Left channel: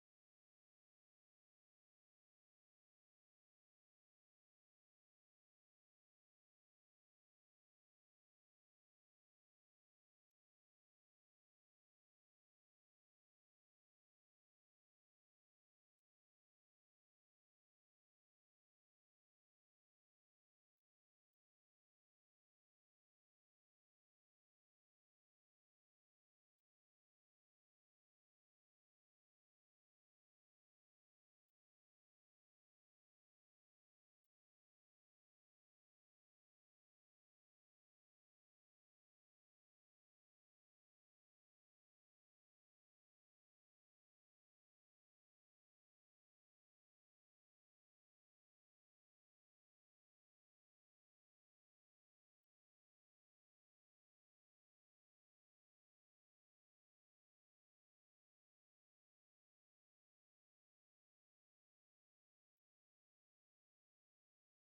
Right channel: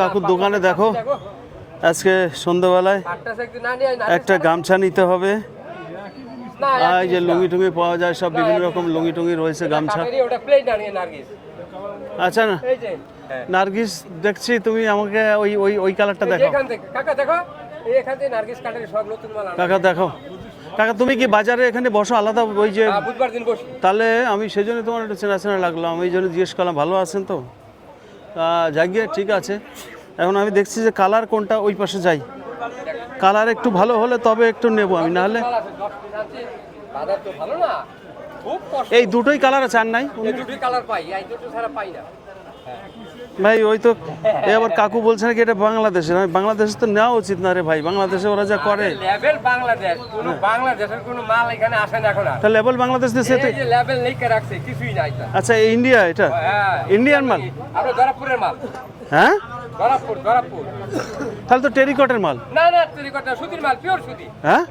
কাকুর দোকানে দেখো আজকে সন্ধ্যাবেলায় একটা গামছা নিতে হবে। এই যে লুঙ্গি টুঙ্গি পাওয়া যায়, সব বিভিন্ন রকম লুঙ্গি টুঙ্গি রয়েছে, গামছা। আচ্ছা না নার্গিস, দেখছি তুমি আমাকে ওই ওই ওই কালারটা দেখো কাকা, দেখো কাকা, তুমি কি বাজারে এখানে বসো আলাদা? ওই যে তাহলে আমি সেই জন্য তোমার একটু চেনা চেনা লাগলো, আমি এই জন্য জিজ্ঞেস করলাম। ভালো আছেন তো? যাই গিয়ে ঠিক আছে। এখন আমি দেখছি যে কালার কোনটা, ওই পাশে যাই। কালার একটু ভালো হলে তবে একটু নেবো আমি, নাহলে এই দুটোই কালার আছে, আর নাই ভাই। ওই তো এবার কাকু বলছে নাকি এটা বাংলাদেশের। বাংলাদেশে তো নেওয়া উচিত না রে ভাই, বাংলাদেশে ওরা যা করে। তা লেবেল বাংলাদেশ দেশে আচ্ছা, ইন্ডিয়া, এটা ইন্ডিয়ান মাল। হ্যাঁ, তাহলে তো টেরিকটের মাল। হ্যাঁ,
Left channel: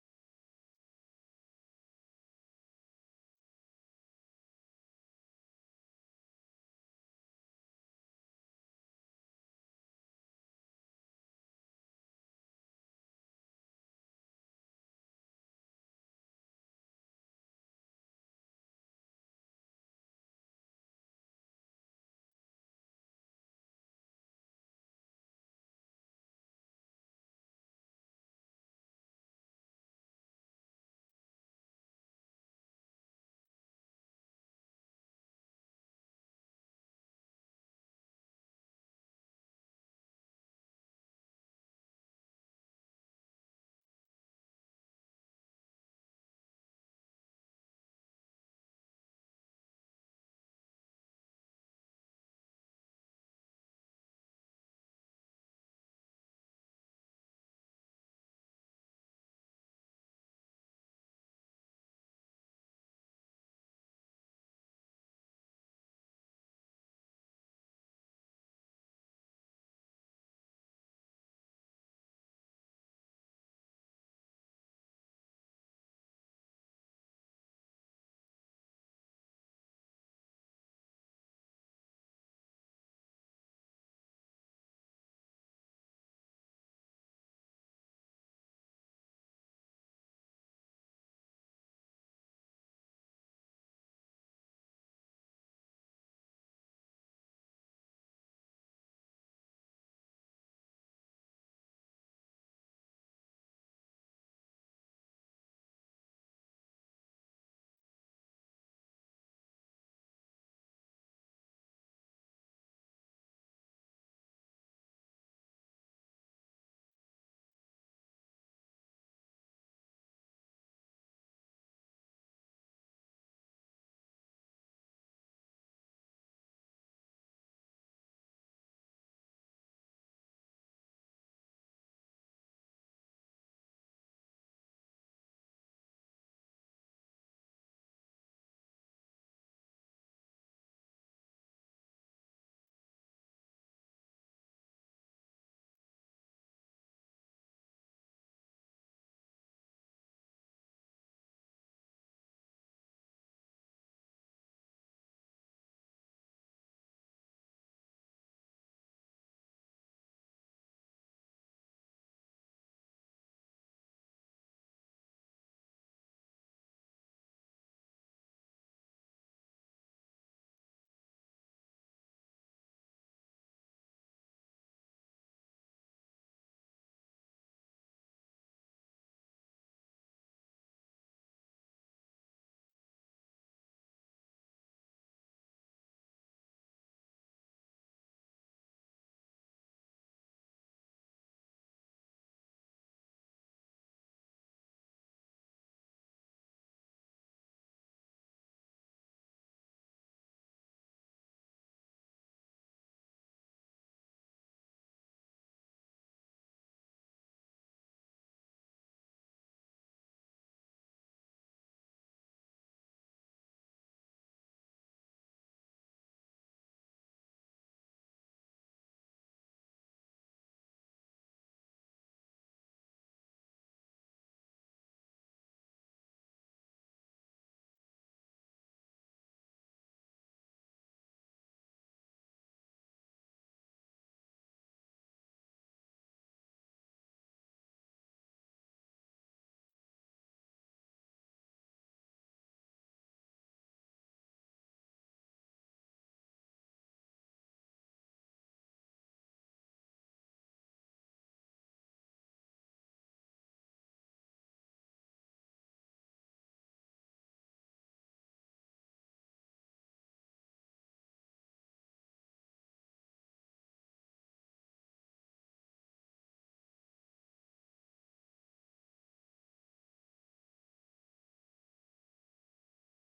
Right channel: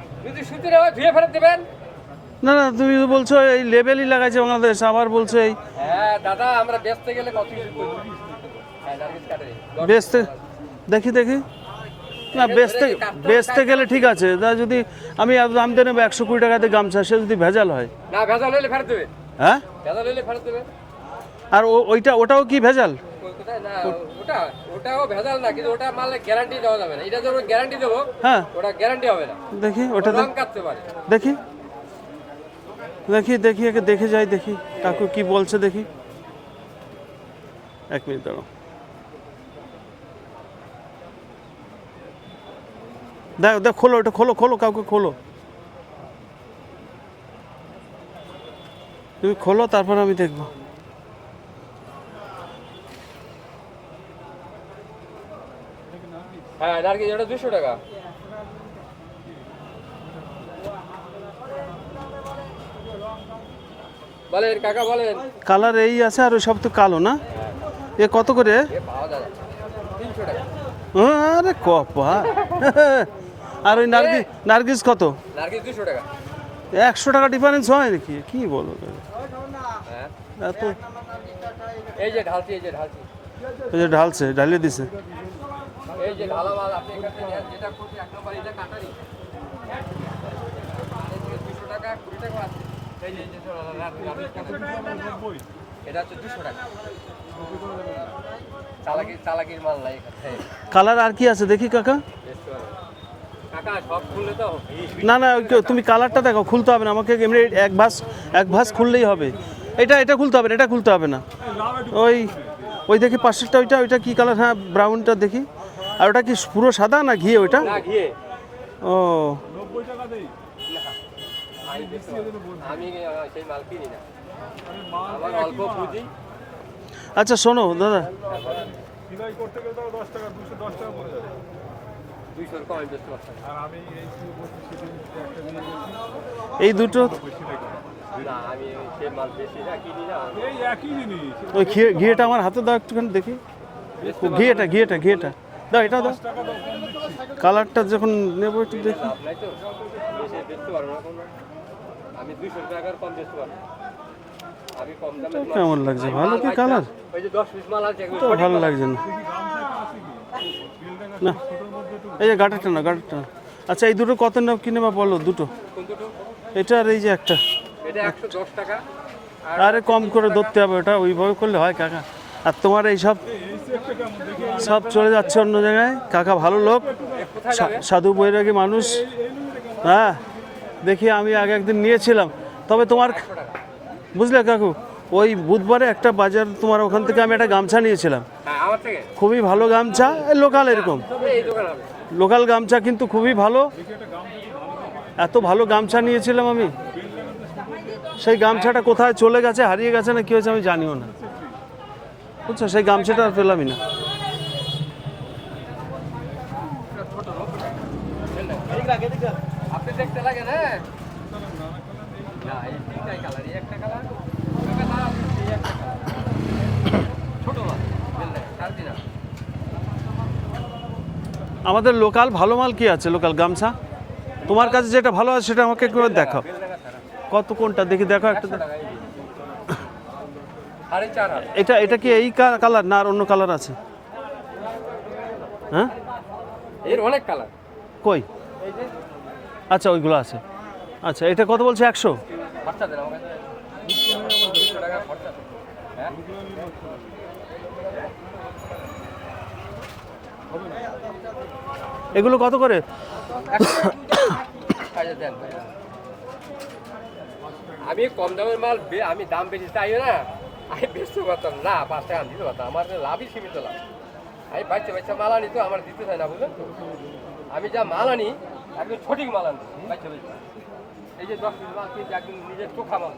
না না, তুমি বলছো এই লেবেলই লাগাইছে বাংলাদেশ, আবার বলছো এই দাদা আমরা বেচতে গেলে কত বেচতে। দেখি দেখি, না বেচতে গেলে ঠিক আছে। তা যদি আমি দাম দিয়ে নেবো 120 টাকাতে গামছা, সে যদি ভেজাল হয়, না ভেজাল হলে ফেরত দেবে। হ্যাঁ, ভেজাল হলে ফেরত দেবে। আর ওটাও কি ভেজাল? না ওটাও ভেজাল না, কিন্তু ওটা মালে গ্যারান্টি দেওয়া যাবে না। এটা যখন গ্যারান্টি দেবো, হ্যাঁ, ওটা গ্যারান্টি হবে না। দেখি ওটা রং কাটতে পারে। দেখি দেখি দেখি একে দেখে যাই, দেখি কাকু কি বলছে দেখি। 1 মিনিট দাঁড়াও। দেখো দেখ, খোলো ওটা, খোলো খোলো কাউকে খোলো, তুমি খোলো, তারপর আমি দেখবো। হ্যাঁ নারকেল এটা 200 টাকা। বলেন কাকা বলেন। কালার এই আছে, আর ওই সব তো কালো না। এ কত করে? 300 টাকা। আরে কপা। আর ওই নার্গিস কত? নারকেল 200 টাকা। 100 টাকা ডিফারেন্স হয় নাকি? কি বলো হ্যাঁ এত? এই যে ঢালছি, এই যে ঢালছি, এই যে ঢালছে, ঢালিয়ে দিছে। এই যে ঢালা মাল আপনি এখান থেকে নেন, যেটা করছি এক নম্বর এটা কাটারি। এই যে 200 টাকা 20 টাকা আছে। এই যে এটা হচ্ছে 200 টাকা। চালাকির মাল নাই এখানে। কালার আর কি আছে দেখি কাকা? কাকা সব খুললে তো না না, তুমি কালারটা দেখো, খুলতে হবে না আমাকে, এমনি এক ভাঁজ খুললেই হবে। এটা খুলতে হবে না, এটা খুলতে হবে না। ওই দেখি পাশেরটা, ওইটা কি কালার? হ্যাঁ, ব্রাউনটা দেখি। আর ওটা কি পুরো সাদা না ঘিয়ে ওইটা? না ঘিয়ে। ও 90 টাকা দেই। আমি সেই মাল কিনি না, আমার অল্প পুঁজি। আচ্ছা শোনো দাদা, সিলাই করতে গেলে তো 10 টাকা 210 টাকা পড়ে যাবে। 200 এর কম বেচতে পারছেন। আর আমি এই একটা এই দুটো না, আমি সেই মাল বেশি না কিনি না। এই একই জিনিস। ওই ঘিয়েটা আমার হাতে দাও একটুখানি দেখি। ঘিয়েটা দাও, এটা দাও। কালারটা যখন নেবো একটু দেখি। আপনাই তো বেশি বেচতে পারবো না কোনো। আমি 200 টাকার কম বেচতে পারবো। আমি কম দামে কেমন লাগছে? ভালো কি কালার? ওই যে 10 পিস মাল আছে তো ভালো লাগছে না। না এই যে গাটারটা না, গাটারটা। আচ্ছা এই দুটো কত নাও কিনে বা বলো দুটো? কোন দুটো? এটা আর এই যে একটা। এটা 110 টাকা। আরে কম করে ধরতে হবে, ওটা ওইভাবে করলে হয় কাকা? আর তোমার এই সব চলে যাচ্ছে অন্য জায়গায়। কাকা ভালো লোক, সাধু বৈরাগী মানুষ। হ্যাঁ দেখি, আমি আগে একদিন নিয়েছিলাম, তবে তোমার বুঝলে কাকু, ওই বুধবারে একটা বাজার, তোমার ওখান থেকে আমি একটা গামছা নিয়েছিলাম। হ্যাঁ আমার থেকে খুবই ভালো গামছা, লোকাল এরকম এই দোকান হবে। লোকাল গামছা, কিন্তু খুবই ভালো। এত ভালো গামছা নিয়েছিলাম আমি, সেই গামছাটা কোথায় চলে গেছে, হারিয়ে গেছে না কি হয়েছে আমি জানিও না, বুঝছো? সেই গামছাটা আর পেলামই না। আপনি দেখতে লাগে না? না এই তিনটাই কালার, এই একটা কালার, এই একটা কালার। ছোট মাল বুঝলেন, 3.5। আমাদের লোকাল ভালো মাল কি আছে? লোকাল গামছা তোমার কাছে যেটা ভালো আছে সেটা আমাকে একটু দেখাও। কত কোনটা দেখি, দেখো একটা। 4.5 এটা কি এই কালার না আর অন্য কালার আছে? হ্যাঁ এর অনেক কালার। কই এই যে আচ্ছা ওইগুলো আছে। আচ্ছা এটা কত বলছে 100? খরচা দেন আমার কাছে 200 টাকা খরচা দেন। হ্যাঁ এগুলো কত করে? আচ্ছা দেন। আমি কম দামের মাল আমি দাম বেশি চাইও না, আমি বেশি পারতাম না, 5 টাকা দিতে পারতাম, আমার লাভই সীমিত লাভ। আমি বাচ্চা বাচ্চা মাল আনি তো আমার দিতে চাই না, বুঝলেন তো। আমি যা মাল আনি একদম সঠিক মাল আনি, বাচ্চা বাচ্চা। এই যে 10 পিস মাল কিনছি একদম নিজের চোখা মাল।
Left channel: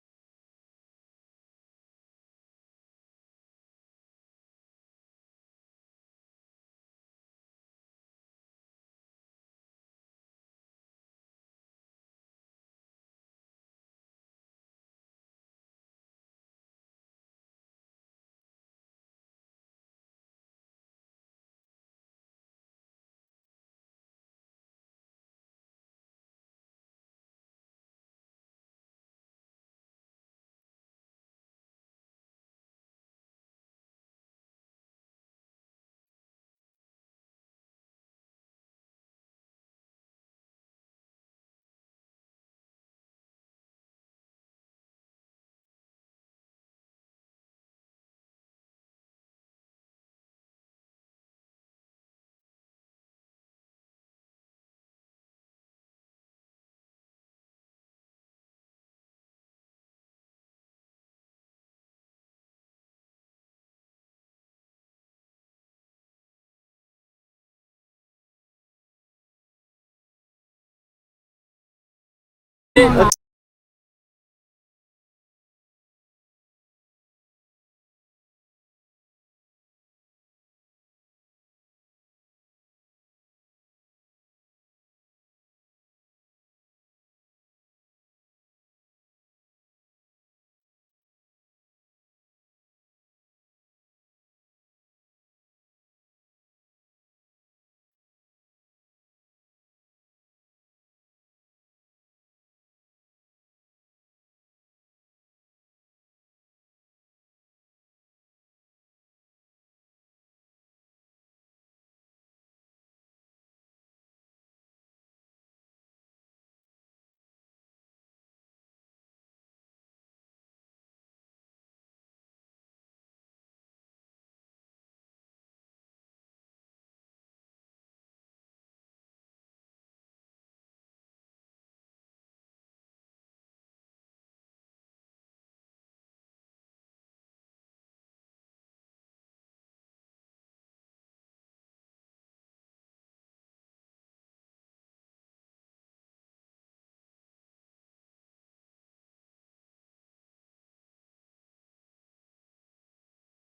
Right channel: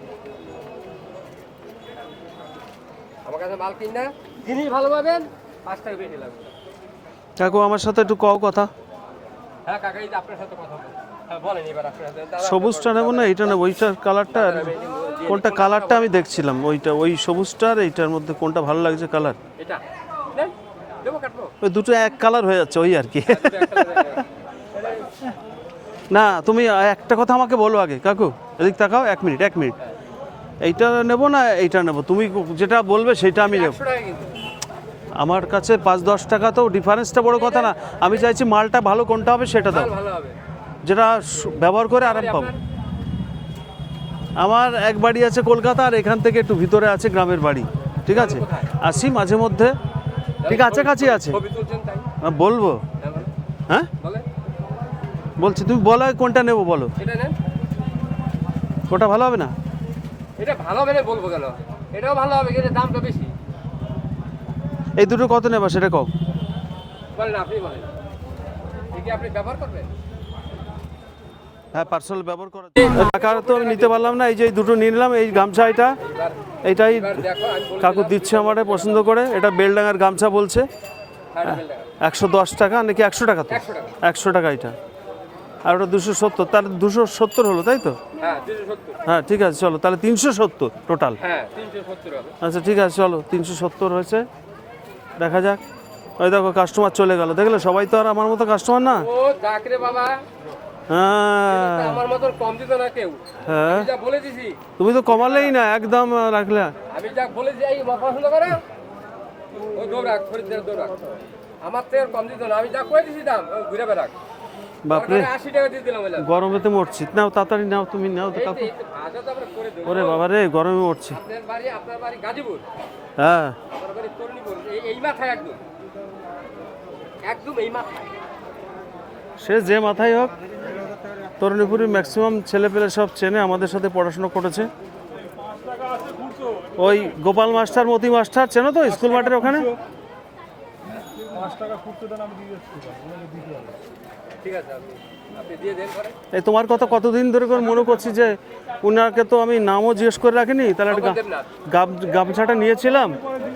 আমার কাছে মাল কিন না, জিনিস ভালো পাবেন, 5 টাকা বেশি লাগবে। কাকু আমার সাথে একটু কও কথা। হ্যাঁ কাকা, এই যে আপনার সাথে কথা বলুন। হ্যাঁ বলেন এবার আপনার সাথে। দাদা, সবুজটা নেবো না এইটা নেবো? ওইটার কালারটা কোনটা কালারটা আমি দেখছিলাম, ওইটা ওই সবুজটার এইটার মধ্যে কোনটা ভালো লাগছে কালার? এটা নেন, দেবো কাটবো। ওই দুটো এক কালার হয়ে যাচ্ছে ওই আর কি। দুটো একটা করে। না তুমি একটা কথা আমাকে বলো আগে কাকু, এদিক তাকাও, 1 মিনিট 1 মিনিট। এইটা নেবো না এইটা নেবো? তুমি যেটা বলবে সেটা আমি নেব। 100 টাকা কিন্তু। আমার কাছে 5-10 টাকা তো ডিফারেন্সটা বড় কথা না, আমি চাইছি মালটা ভালো কোনটা হবে সেটা দাও, মাল ভালো হবে। যেটা ব্যবহার করে আরাম পাবো। আমার এক বাড়ি আছে কলকাতা, আর এখান থেকে একটু ভিতরে আছে গ্রামের বাড়ি, ঠিক আছে? আসি মাঝে মধ্যে, ঠিক কাছাকাছি আছে। ছবি তুলছেন তাই? বলবো? হ্যাঁ বলেন। হ্যাঁ বলেন। বলছি, তুমি বলো কোনটা নেবো বলো। এটা নেন। ওটা ভালো হবে না? এটা ভালো হবে না বলবো কেন? এটাও ভালো হবে কিন্তু দামটা বেশি। এই দুটো কত নেবা সেটা কও। বলেন, আপনি বলেন। এই কি আপনি ব্যবহার করবেন? হ্যাঁ পার্সেল ব্যবহার করা টাকা তো আমি নিতে পারলাম না, এই যে এই দুটো নিয়ে নিলাম। এই গামছা এইটাই এবার দেখো আমি বলে কাকু দিচ্ছে আমারে পছন্দ করে, এটা বেলডাঙ্গার গামছা বলছে। 110 টাকা নাকি 100 টাকা? তো 100 টাকা। 100 টাকা এটা, আর ওটা 270, তার 270 হলো তাই তো? হ্যাঁ 270। হ্যাঁ ঠিক আছে চলো, তাহলে 370 টোটাল। হ্যাঁ 370 হবে। আচ্ছা ঠিক আছে চলো, 370 হয়েছে, দেখা যাক। ওই দেখো কাস্টমার চলে গেল, দেখলে? সবাই তো আর আমার মতো কাস্টমার না। ও যাক রে বাবা, হ্যাঁ আমার মতন কম দিত না কেউ। হ্যাঁ আমি যা বলে দিছি, তুমি তো কমালেই না, একদম রাখলে। আমি যা বলেছি এই পছন্দ করে ওই দৌড়াক, খরিদ্দার দৌড়াক। আমার তো আর কম দিত না, আমি যা কয়ে দিছি দাম ও ঘুরে বেড়াক। বাপরে 80 টাকা দিয়ে দিলাম। বললাম গরমেতে মরছি। নাও তাড়াতাড়ি নাও, তুমি নাও তো কাকু। ভাজা তো আমরা করে দেবো। ওরে বাবা রে, গরমে মরছি। আপনার বাড়ি গাজীপুর, হ্যাঁ আমার বাড়ি তরুণীপুর। এই মাথায় একদম একদম এই মাথায়। সে যে মাথায় হোক, তরুণীপুরে ম্যাক্সিমাম ছেলেপেলে সব চেনে, আমাদের সাথে পড়াশোনা করেছে। ওই গোপাল মাস্টার, মতি মাস্টার চেনো তো, স্কুল মাঠের ওখানে? 5 টাকা খুচরো দেন, আমি দিয়ে যাচ্ছি। দিতে হবে। ঠিক আছে, আপনি দিয়ে দেন করে। এই তোমার কথা কতদিন ধরে করে মনে করছি যে উনাকে তো আমি নামও জিজ্ঞেস করে রাখিনি। তাহলে একটা দেবনাথ। গামছাটা নিয়েছিলাম,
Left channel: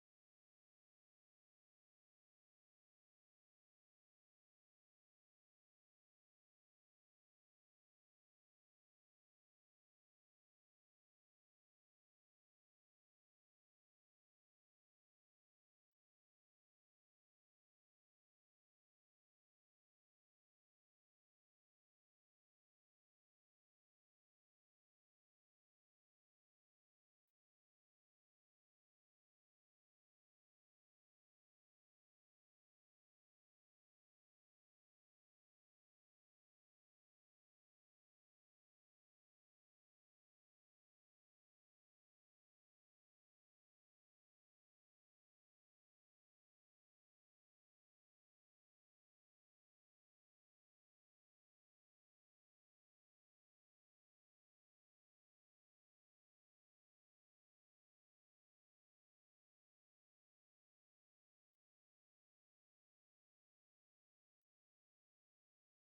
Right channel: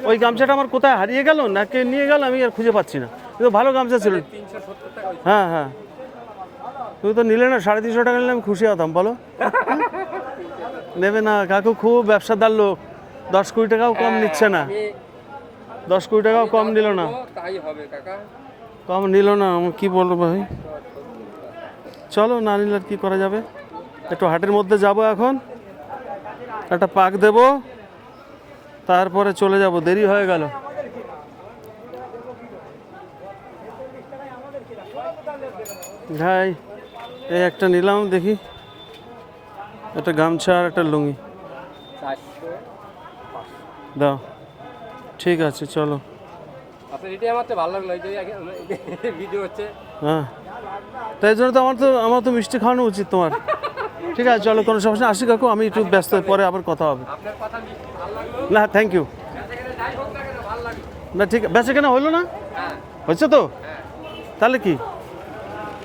ওই গামছাটা আমার কোথায় হারিয়ে গেল না কে নিয়ে গেল আমি আর খুঁজে পাচ্ছি না, কিন্তু ভালো গামছা ছিল। 370 টাকা হয়েছে। হ্যাঁ হ্যাঁ, তুমি তো নিলে না, 350 টাকা নিলে আমি খুশি হতাম। বলো নেবে না? কাকু খুব ব্যবসাদার লোক, 10-20 টাকাও কম নিচ্ছে না, আমি 10-20 টাকাও কম নিল না, তাই হবে কাকা। কম নিল না। আমি কি বলবো ভাই, চলো না নিলে আর কি করা যাবে। একটু হাটের মধ্যে যাব এখন, একটা পাক দেব, তারপরে চলে যাব, দেরি হয়ে গেল। ভাই এই একটা নিলাম, দেখি একটা গামছা আর একটা লুঙ্গি 400। দাও। ঠিক আছে চলো। আপনার এটাই আমার তো ভালো লাগলো, এই যে ভিডিও হচ্ছে। হ্যাঁ তাই জন্য তো আমার তো মিষ্টি খাওয়ানো উচিত তোমার। ঠিক আছে চলো, কোনো সমস্যা। আসি কাকু, আমি একটু ব্যস্ত, পরে আবার কথা হবে। আপনার কথা ভালো লাগলো। না থ্যাংক ইউ। যাই হোক না কেন ভালো লাগলো। না ঠিক বেচা কেনা হইলো না? হ্যাঁ হয়েছে তো? তাহলে কি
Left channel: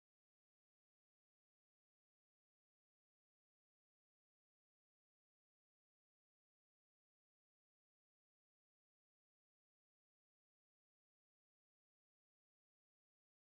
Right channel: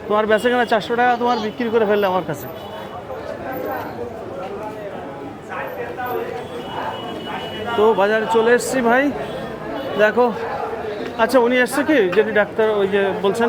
তোমার বেচা কেনা 400 টাকা তোমার বিক্রি করে ফেললে আমার কাছে। তো বাজারে চলে এসেছি ভাই, দেখো। আচ্ছা উনি এসছে কি, যদি ডাক্তার ওই যে বলছেন